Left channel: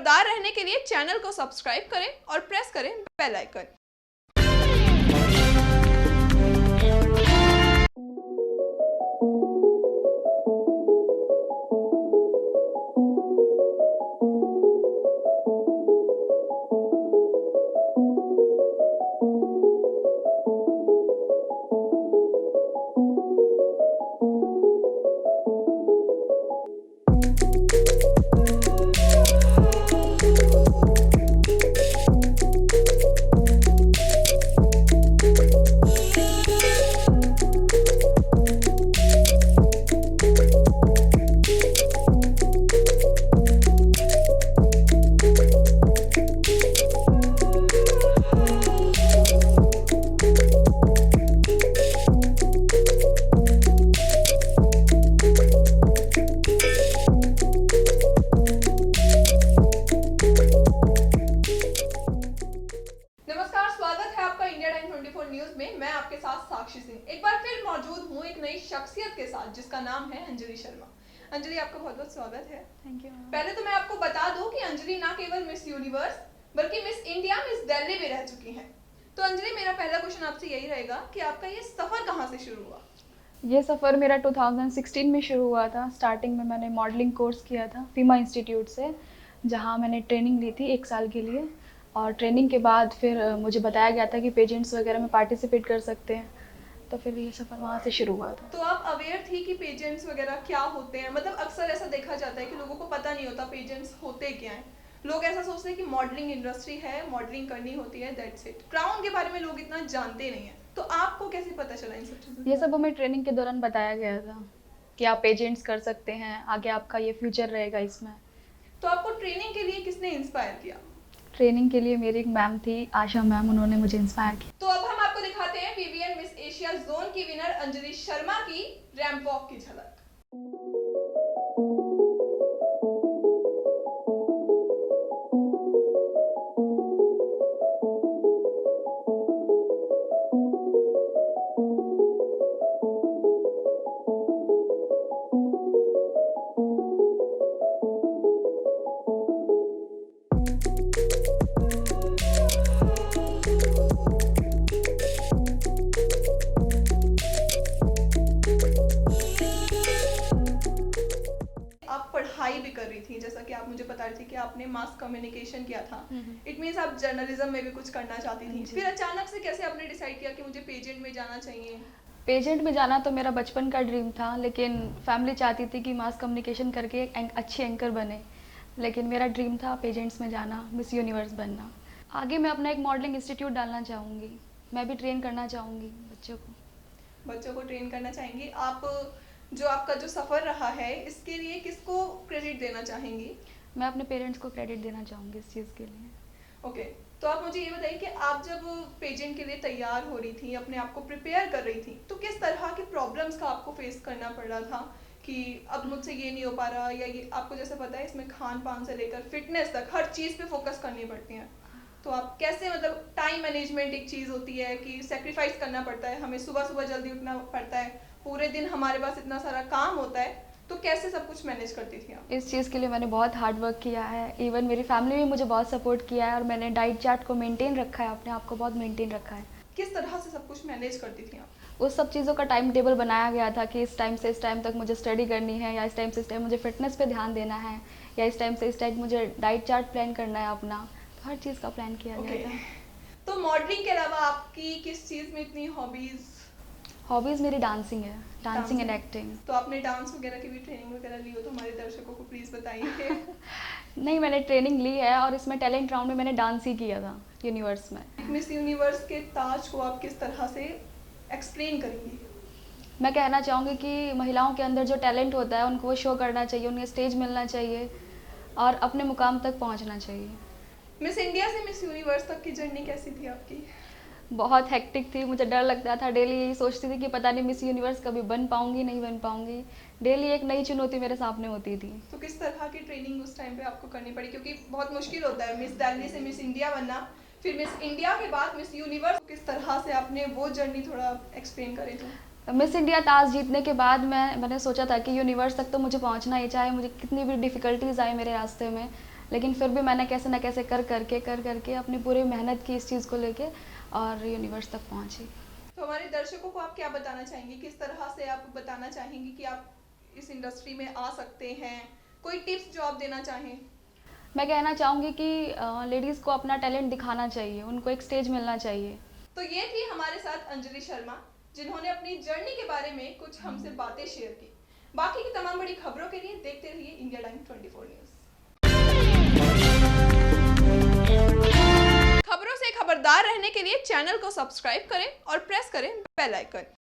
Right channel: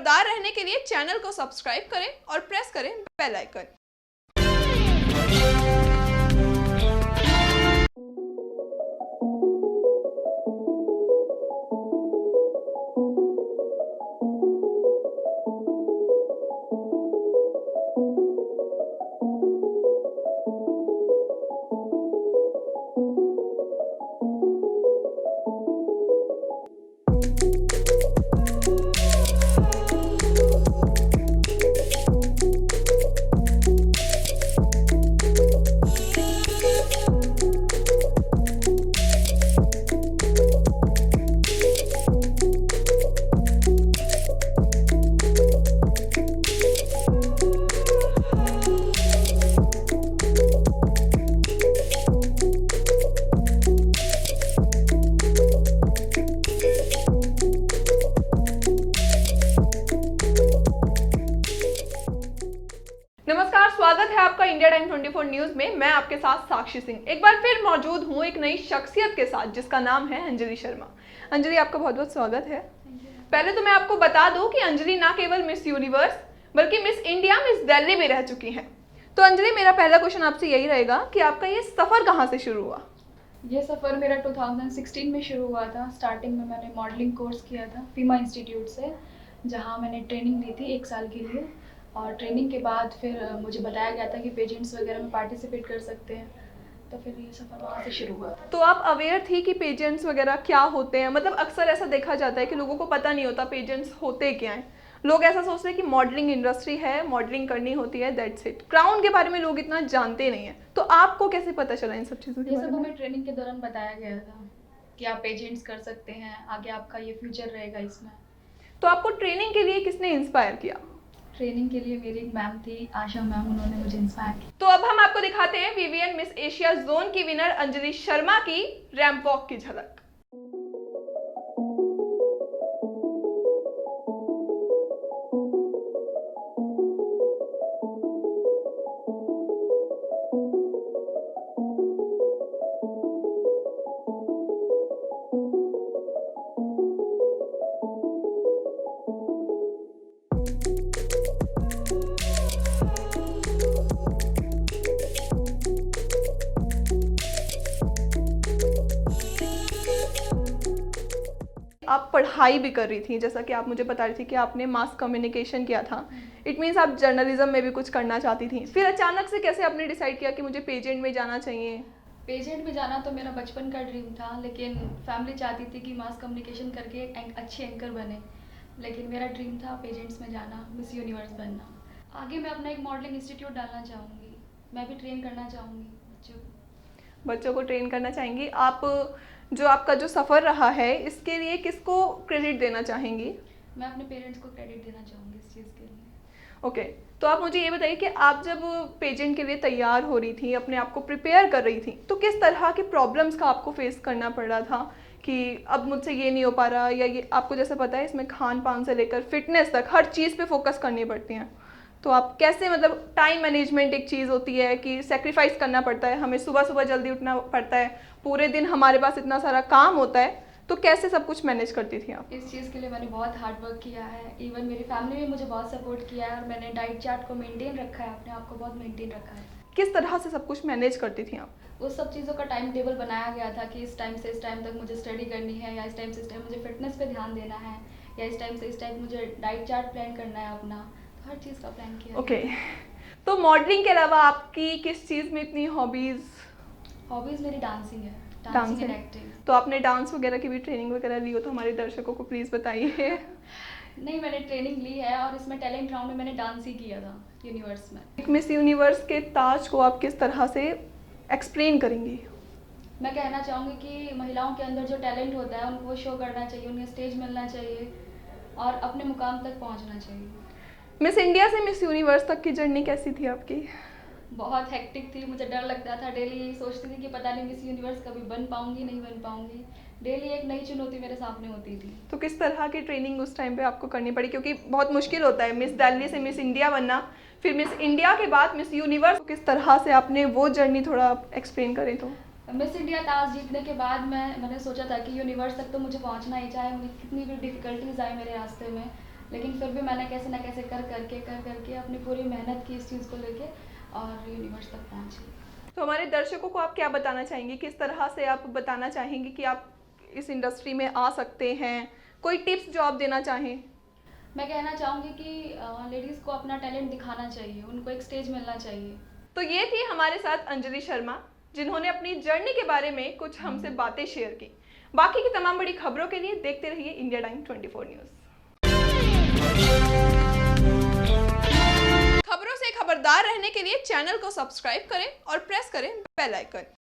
खबरदार रहने के लिए चैनल को सब्सक्राइब करें और प्रेस करें बेल आइकन। नमस्कार, स्वागत है आपका इंडिया टाइम 24 न्यूज में। मैं आपके साथ साक्षी सिंह एक बार फिर मौजूद हूँ एक नई शख्सियत के साथ जिसका नाम है अंजलि शर्मा। अंजलि, आपका बहुत बहुत स्वागत है। पहले तो मैं आपको बता दूं कि अंजलि ना केवल मिस यूनिवर्स बल्कि मिस इंडिया, मिस दिल्ली भी रह चुकी हैं। तो अंजलि, मेरा पहला क्वेश्चन आपसे यही रहेगा कि आपका ये सफर कहाँ से शुरू हुआ? ये सफ़र मेरा 2016 में शुरू हुआ था। स्टार्टिंग में मैंने मॉडलिंग कोर्स किया था फीमा इंस्टीट्यूट से, जहाँ मैंने ट्रेनिंग ली थी 1 साल के लिए। और ट्रेनिंग के बाद फिर मुझे बताया गया था कि पेजेंट्स वगैरह में पार्टिसिपेट कर सकते हैं, तो फिर ये सफ़र वहाँ से शुरू हुआ था। तो आप अवेयर थी कि पेजेंट्स वगैरह क्या होते हैं? मतलब अक्सर ऐसा देखा जाता है कि लोगों को पता नहीं होता पेजेंट्स होते क्या हैं। लोग ऐसा सोचते हैं कि मॉडलिंग इंडस्ट्री है, मॉडलिंग करनी होती है, दैट्स इट। क्राउन के बारे में लोग इतना जानते नहीं हैं। तो आपको कैसे पता चला इन सब चीज़ों के ये बारे सब में? हमें ट्रेनिंग के दौरान बताया गया था कि आप पेजेंट्स कर सकते हैं, आगे आपका ये फ्यूचर रहेगा इसमें। तो आपको ट्रेनिंग के लिए किसने इंस्पायर किया? ट्रेनिंग के लिए मेरी एक मैम थी, आशा मैम, उन्होंने मुझे इंस्पायर किया। तो अब हम आपको दिखाते हैं वीवीएन मिस एशिया जोन की विनर अंजलि शर्मा की रैंप वॉक की झलक। आप पढ़ाई भी कर रही थी, जैसा कि आप मुझे बता रही थी कि आपने मास कम्युनिकेशन किया था। इट मीन्स आप जर्नलिज्म में भी कुछ करना चाहती थी। फिर अचानक से कैसे आपने डिसाइड किया कि मुझे पेजेंट में जाना चाहिए? पेजेंट में जाना तो मेरा बचपन का ड्रीम था, लेकिन फैमिली चाहती थी कि मास कम्युनिकेशन करके एक अच्छी एंकर बने। लेकिन मेरा ड्रीम था पेजेंट्स में जाना, मिस यूनिवर्स बनना। आगे मैं अपना एक मॉडलिंग इंस्टीट्यूट डालना चाहूँगी। मैं भी ट्रेन करना चाहूँगी बच्चों को ट्रेन करना चाहेंगी आप। जो आपका जो सफ़र रहा है इसके लिए किसको क्रेडिट देना चाहेंगी? मैं अपने पेरेंट्स को क्रेडिट देना चाहूँगी इस चीज़ के लिए। ओके, तो आप मुझे ये बताइए कि आप जब पेजेंट के लिए तैयार हो रही थी, अपने आप को प्रिपेयर कर रही थी, तो किस तरह की प्रॉब्लम्स का आपको फेस करना पड़ रहा था कि अब मुझसे ये नहीं हो पा रहा, या ये आपको जैसे पता है इसमें खान पान से लेकर फिटनेस तक हर चीज़ पे फोकस करनी पड़ती है। तो आप कैसे, मतलब टाइम मैनेजमेंट एक चीज़ होती है कि सेक्रीफाइस करना पड़ता है, हमें सुबह सुबह जल्दी उठना पड़ता है, पूरे दिन हमारे पास इतना सारा काम होता है, तो कैसे सब कुछ मैनेज करती थी आप? इस चीज़ के लिए मैंने बहुत हार्ड वर्क किया है। इवन मेरी फैमिली भी मुझे बहुत सपोर्ट किया है, और मैंने डाइट चार्ट को मेंटेन रखा है, अपने आप को बहुत मेंटेन रखा है। किस तरह से सब कुछ मैनेज करती थी आप? उस सब चीज़ों का टाइम टेबल बनाया गया था कि इस टाइम से इस टाइम तक मुझे स्टडी करनी है, या इस टाइम से इस टाइम मुझे फिटनेस पे ध्यान देना है, या इस टाइम से इस टाइम मुझे डाइट चार्ट प्लान करना है अपना। हर चीज़ का प्लान किया ओके, गया तो मॉडलिंग के अलावा आपकी किस चीज़ में इतनी हॉबीज़? था। हॉबीज़ मेरी डांसिंग है, डांसिंग एंड एक्टिंग। तो आपने डांस वगैरह की भी ट्रेनिंग वगैरह ली हो तो हमारे दर्शकों को प्लीज़ बताइए। नहीं, मैंने ट्रेनिंग ली है, और इसमें टैलेंट राउंड में मैंने डांस ही किया था यूनिवर्स में। एक मिस यूनिवर्स के ताज को आप किस तरह से एक्सप्लेन करेंगी? मैं कहना चाहूँगी कि महिलाओं के अंदर जो टैलेंट होता है उनको वो शो करना चाहिए, उन्हें स्टेज मिलना चाहिए और अपने मुकाम तक पहुँचना चाहिए। मिस इंडिया से मिस यूनिवर्स तक की जर्नी कैसी थी आपकी? बहुत हेक्टिक थी, मुझे डर लगता था। डेली यही सोचती थी कि पता नहीं मिस यूनिवर्स कभी बन पाऊँगी, नहीं बन पाऊँगी। डेली एक नई चुनौती मेरे सामने होती थी। तो किस तरह की ट्रेनिंग उस टाइम पे आपको करनी पड़ी, क्योंकि बहुत मुश्किल होता है मिस दिल्ली से मिस इंडिया बनना, फिर मिस इंडिया के बाद मिस यूनिवर्स। किस तरह से आपने वो जर्नी थोड़ा एक्सप्लेन करें तो? मिस इंडिया ताज जीतने के बाद मैंने सोचा था कि यूनिवर्स तक तो मुझे पहुंचना ही, चाहे मुझे कितनी भी डिफ़िकल्टीज़ आए मेरे रास्ते में, लेकिन फिर भी मैंने कैसे ना कैसे कर करके अपनी पूरी मेहनत की इस चीज़ को लेके और यूनिवर्स तक पहुंची। तो हमारे दर्शकों को आप क्या बताना चाहेंगी, किस तरह से आप बताना चाहेंगी कि आप इस इंडस्ट्री में आ सकते हैं? कोई टिप्स जो आप देना चाहें? मैं कहना चाहूँगी कि लेडीज़ को अपना टैलेंट दिखाना चाहिए, उनको एक स्टेज मिलना चाहिए। तो ये थी हमारे साथ अंजलि शर्मा, जिन्होंने अपनी जर्नी के बारे में कुछ हमसे बातें शेयर की। बाकी की तमाम बड़ी खबरों के लिए देखते रहिए इंडिया टाइम 24 न्यूज़। खबरों से खबरदार रहने के लिए चैनल को सब्सक्राइब करें और प्रेस करें बेल आइकन।